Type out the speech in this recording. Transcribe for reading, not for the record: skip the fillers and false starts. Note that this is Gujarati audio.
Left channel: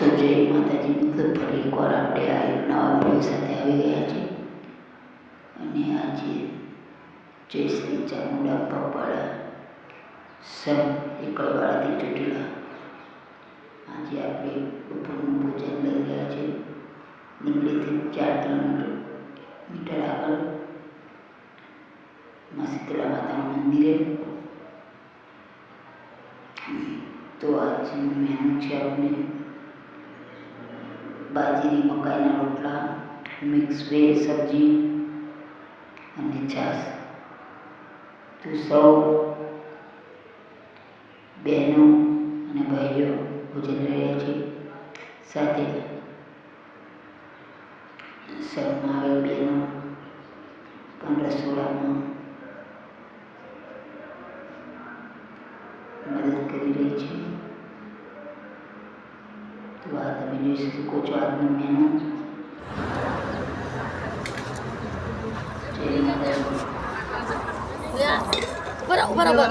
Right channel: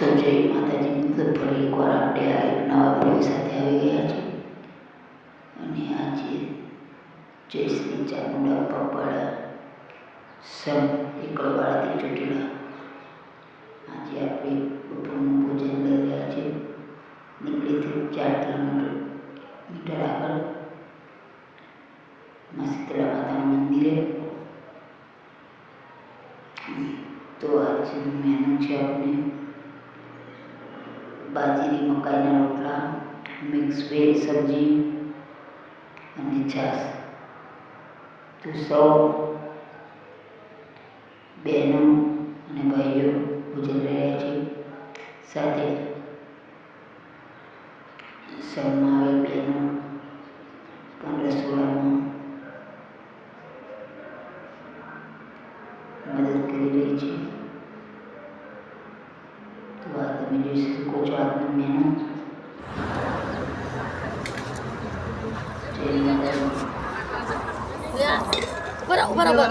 તો જય માતાજી મિત્રો, ફરી એકવાર આપણે આ એક નવા વિડીયો સાથે આવી ગયા છે. અને આજે જય શ્રી ચામુંડા પપ્પાળા સમ એકલવાળાથી ચોટીલા. આજે આપણે બપોરનું ભોજન લઈ રહ્યા છીએ. નીકળીથી 4 કિલોમીટર આગળ માં શીતળા માતાનું મંદિરે. તો આજનું મેનુ છે આપણે બાજરી મકાઈના રોટલા, મિક્સ વેજ સબ્જી અને છાશ. તો સૌ બહેનો અને ભાઈઓ ભોજન લઈ રહ્યા છે. સાથે સંઘમાં આવેલ બહેનો પણ રસોડામાં મદદ કરી રહી છે. તો આ તમે જોઈ શકો છો આજનું મેનુ. બરાબર